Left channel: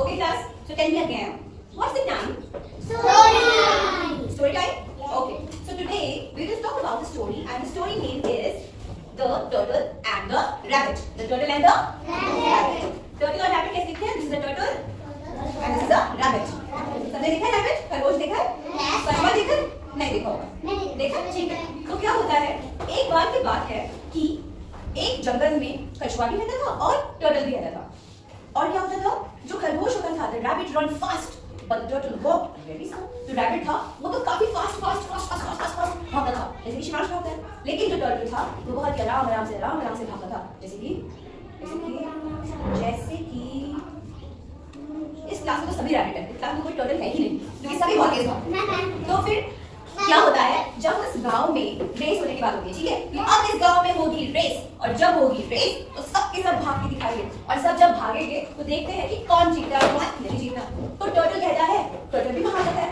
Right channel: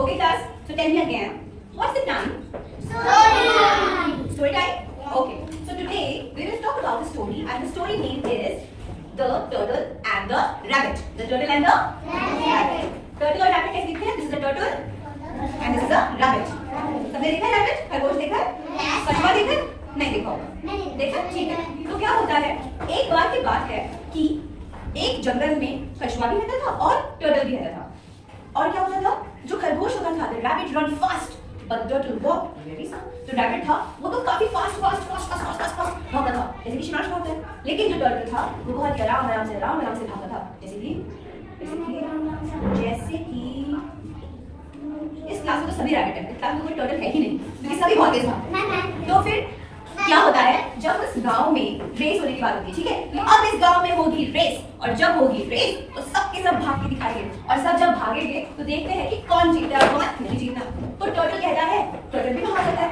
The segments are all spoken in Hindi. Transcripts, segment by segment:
Okay, class. So tell me again. What's the time? Story time. Story time? Okay. So today we will talk about the story, and the story name is The Turtle and the Rabbit. The Turtle and the Rabbit. Turtle और rabbit कैसे दिखते हैं? This is the turtle and this is the rabbit. सबने देखा है rabbit? खरगोश देखा है? कछुआ देखा है? नहीं देखा होगा। देखा? ठीक है। तो क्या होता है? एक बार की बात है कि एक जंगल में कछुआ भी रहता था और टर्टल भी रहता था। और क्या होता था? जो खरगोश होता था, the rabbit run fast, but the turtle walk very slow. जो rabbit था, वो तो काफी fast भागता था, जैसे कि शिवांश भागता है। लेकिन जो turtle था, वो बहुत ही आराम से भागता था, जैसे कि इस क्लास में तो सभी rabbit हैं, इस क्लास में कोई turtle है ही नहीं, क्योंकि सभी बहुत तेज भागते हैं। तो फिर क्या होता है, जब उस गांव में रेस होने की बात होती है, ठीक है, तो अब इस गांव में होगी रेस, और जब होगी रेस तो सबके सब भाग के दिखाएंगे, और सब जब भागेंगे तो देखते हैं कि कौन जीतता है और कौन नहीं जीतता। तो टर्टल कहता है, टर्टल भी भाग जाता है,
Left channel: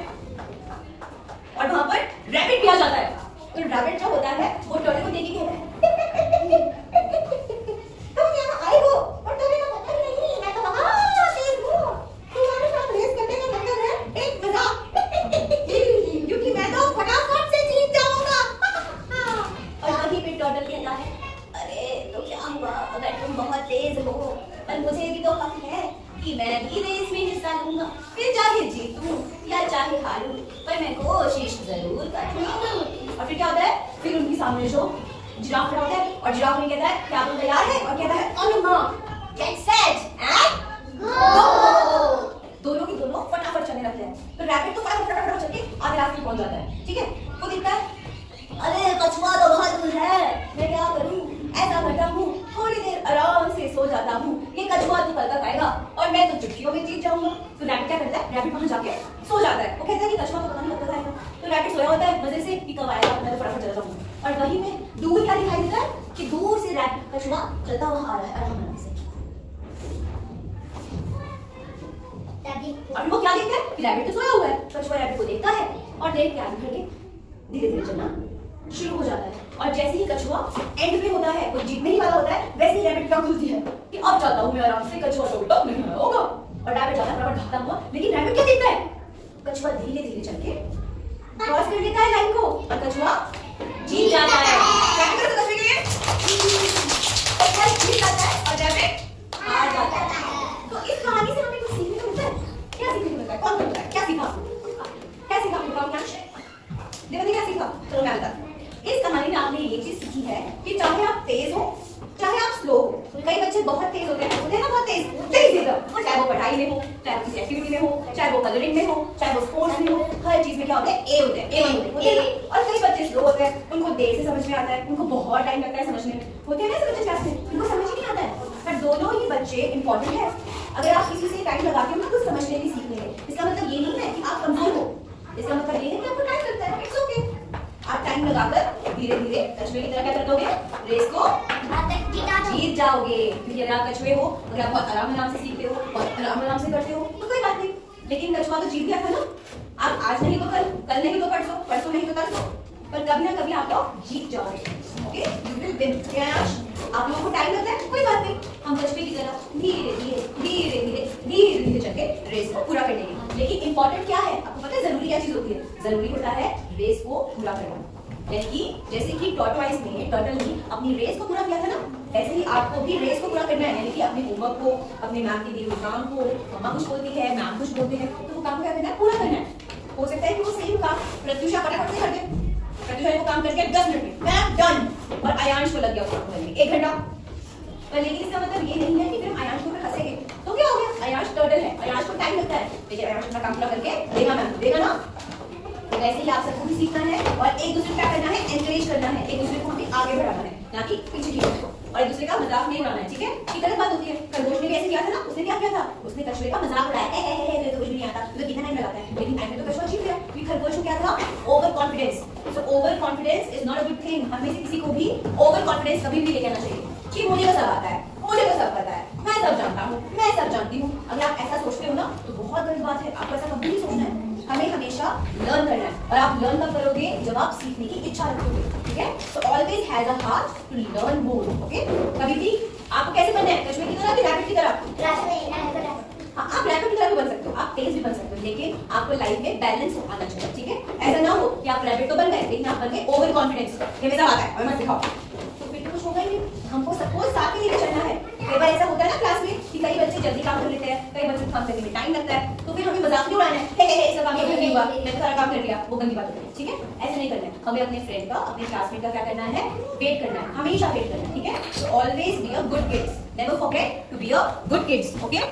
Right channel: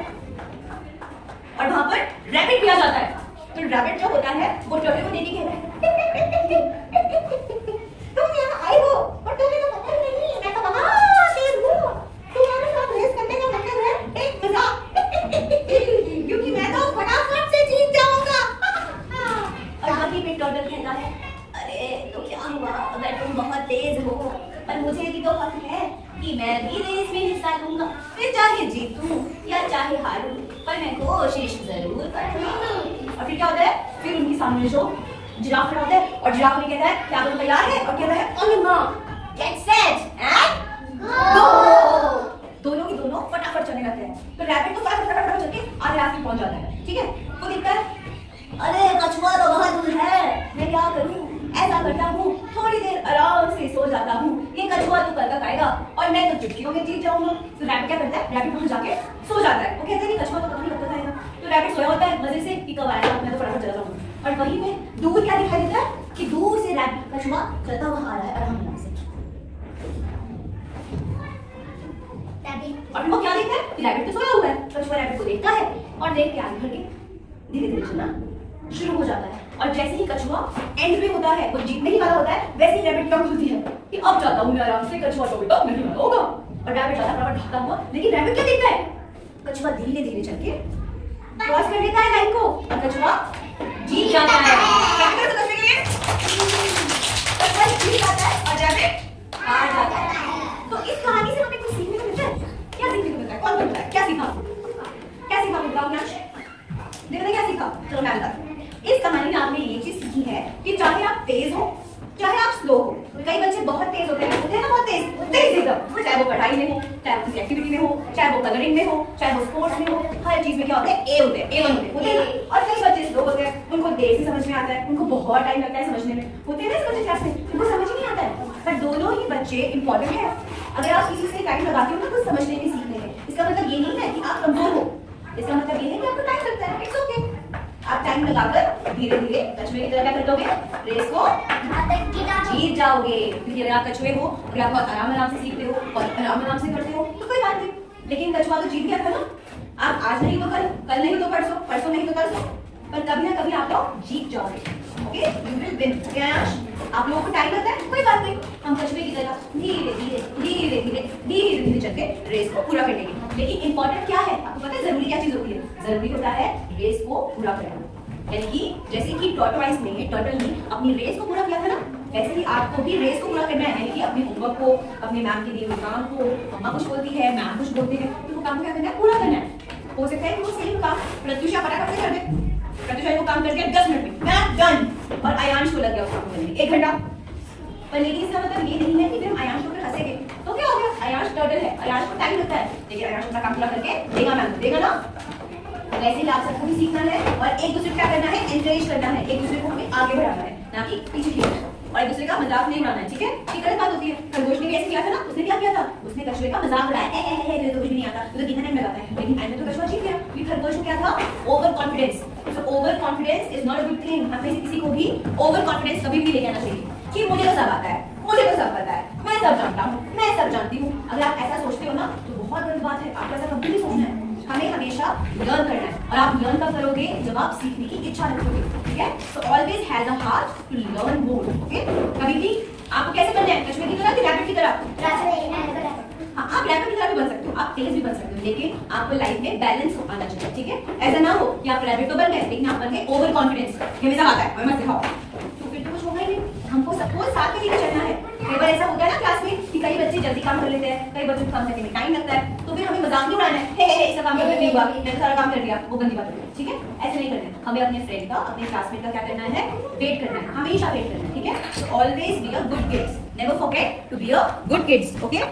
और वहां पर रैबिट भी आ जाता है। तो रैबिट जो होता है वो टर्टल को देख के कहता है तुम यहाँ आए हो और तुम्हें तो पता ही नहीं, मैं तो बहुत तेज हूँ, तुम्हारे साथ रेस करने का मतलब है एक मजाक, क्योंकि मैं तो फटाफट से जीत जाऊंगा। और वहीं पे टर्टल कहता है, अरे तो क्या हुआ अगर तुम बहुत तेज हो, पर मुझे भी तो हक है कि मैं भी रेस में हिस्सा लूंगा, फिर चाहे जीतूं या चाहे हारूं, पर मैं कोशिश जरूर करूंगा। और फिर क्या होता है, फिर उनके सामने जो जिराफ खड़ा होता है, और जिराफ ने कहता है क्या तुम तैयार है, और कहता है on your mark get set and go. दोनों की दोनों फटाफट चलने लगते हैं। तो रैबिट तो फटाफट चल के आगे रास्ते में पहुंच जाता है, ठीक है। वो दिखता है, अरे कछुआ तो बहुत दूर है, मैं क्या करूं, ऐसा करता हूँ थोड़ी देर आराम से सो जाता हूँ, ये कछुआ तो कल तक आएगा और मैं तो चुटकियों में जीत जाऊंगा। तो रैबिट क्या करता है, रैबिट वहां जाके सो जाता है। वो कहता है कि कछुआ तो पता नहीं कब तक आएगा। तो रैबिट सोया होता है मजे से कि कब आएगा, मैं तो फटाफट चला जाऊंगा। और वहीं पे दूर क्या दिखाई देता है कि दूर से रैबिट कछुआ चलता हुआ आ रहा है आराम से। और वो क्या देखता है कि रैबिट तो सोया हुआ है। कछुआ रैबिट को देखता है और देख के आगे बढ़ के धीरे धीरे चलना शुरू हो जाता है। और जैसे ही कछुआ एंड में होता है, कोई जीतने ही वाला होता है, वैसे ही रैबिट टंग खुलती है कि अब जाता हूं मैं आराम से, कछुआ तो बेटा नहीं होगा। और रैबिट जाता है बराबर भागता हुआ, लेकिन रैबिट क्या देखता है, कछुआ धीरे धीरे चल के क्रॉस कर लेता है लाइन को और कछुआ जीत जाता है। कछुआ जीत जाता है और रैबिट हार जाता है। तो इस कहानी से हमें कुछ सीखने को मिलता है। क्या सीखने को मिलता है, कौन बोलता है, क्या सीखा, क्या सीखा बताओ क्या, देखो क्या सीखा, चलो मैं बताती हूँ। इस कहानी में आपने ये चीज सीखी है कि चाहे आप तेज हो चाहे आप स्लो हो, कई बच्चे बहुत तेज होते हैं ना, बहुत तेज एकदम, चाहे वो पढ़ाई में हो, चाहे वो किसी एक्टिविटी में हो, चाहे वो कलरिंग में हो, चाहे वो स्पोर्ट्स में हो, हर चीज में क्या होता है ए होते हैं, A1 होते हैं। और कई बच्चे स्लो होते हैं, उनको देर से समझ में आता है, उनको बहुत टाइम लगता है समझने में, होते हैं ना इस क्लास में, उनको समझ ही नहीं आता है। पर दोनों ही बच्चे इंपॉर्टेंट है। अगर आप किसी से टाइम लगाते हो ना कुछ समझने में, सीखने में, इसका मतलब ये नहीं है कि आप कमजोर हो, इसका मतलब ये है कि आपको टाइम लगता है, इट्स ओके। आप टाइम लगाकर धीरे धीरे कछुए की तरह क्या कर दोगे, रेस को जीत जाओगे। क्योंकि अगर आप कछुए हो, अगर आप बहुत आराम से सीखते हो और आराम से करते हो तो कोई बात नहीं। लेकिन कछुआ तो जीत गया था ना, आप आज नहीं तो कल नहीं तो परसों, परसों नहीं तो तरसों, पर कभी ना कभी आप लोग जीत जाओगे। Okay, you will win. आप लोगों को टाइम लगता है, कोई बात नहीं, हम कछुए की तरह धीरे धीरे चल के रेस को पूरा कर लेंगे। लेकिन इंपॉर्टेंट क्या है, आपको पता है जरूरी क्या चीज होती है, जरूरी होता है रेस को पूरा करना। यानी कि जैसे कि टर्टल ने अपनी रेस को पूरा किया था ना, वैसे ही आपको भी रेस को पूरा करना है। यानी कि अपने होमवर्क को, अपने मैम के दिए हुए काम को, मम्मा कुछ बोलती है, मैम कुछ बोलते हैं, तो वो काम क्या करना है, पूरा करना है। हो सकता है कि वो सेम काम प्रत्युषा फटाफट से कर दे, प्रत्युषा को काम करके 10 मिनट में मैं डन, और आयांश को लग गया उस काम करने में 1 घंटा। पर लेकिन इसका मतलब ये नहीं है कि फिर हम आयांश को हंसेंगे तो क्या हो गया, आयांश टर्टल है, आयांश को टाइम लगता है, लेकिन आयांश अपना काम पूरा करके देगा, मैम देगा ना। तो वैसे ही आप सबको भी सीखना है और एक दूसरे को क्या करना है, एनकरेज करना है, एक दूसरे को हमें आगे बढ़ाना है, ना कि पीछे खींचना है, और एक दूसरे का मजाक नहीं उड़ाना है, ठीक है। ये गलत बात होती है। खरगोश ने भी ऐसे किया था ना, उसने क्या किया था, उसने कछुए का मजाक उड़ाया, तुझे तो कुछ भी नहीं आता, तुझे कितना टाइम लगाता है, लेकिन एंड में तो कछुआ जीत गया। क्योंकि खरगोश को क्या था, over confidence. So over confidence is not a good thing. हमें किसी को भी ओवर कॉन्फिडेंस कभी भी लेके आना चाहिए कि मुझे तो सब आता है, मुझे तो सब पता है, मैं सब जानता हूँ, मैं सब जानती हूँ। अगर आप ऐसा सोचते हो ना तो बहुत गलत बात है, आपको ऐसा कभी नहीं सोचना है। हमें हमेशा लर्न करना है, और आप लर्न कब करोगे, जब आप सीखने की इच्छा रखोगे, ठीक है। So always has a heart to learn more, okay. कभी भी आपको कैसे बनना है, कछुए की तरह कि रैबिट की तरह, हाँ आप रैपर की तरह भी बन सकते हो, आप तेज भी बन सकते हो, लेकिन आपको लाइफ में बैलेंस आना चाहिए, ठीक है? ऐसा ना हो कि आप रैपिड तो बन गए लेकिन आप बन गए ओवर कॉन्फिडेंस, ये मेरा आता है और मत दिखाओ, तो फिर तो कुछ होगा ही नहीं। हमको सबको साथ में लेकर चलना है। कई बार ऐसा होता है ना क्लास में कि कई बच्चे जल्दी काम कर लेते हैं, कई बच्चों को काम करने में टाइम लगता है, तो फिर हमें मजाक नहीं उड़ाना है, हे इसका काम कर नहीं हुआ, मैंने सारा काम कर लिया, वो गंदी बात होती है, ठीक है? ऐसे नहीं करना है, हमें अपने फ्रेंड का, अपने क्लासमेट का क्या करना है, वेट करना है, हमेशा वेट करना है, ठीक है? So always be a good kids, never forget to be a good kids, okay?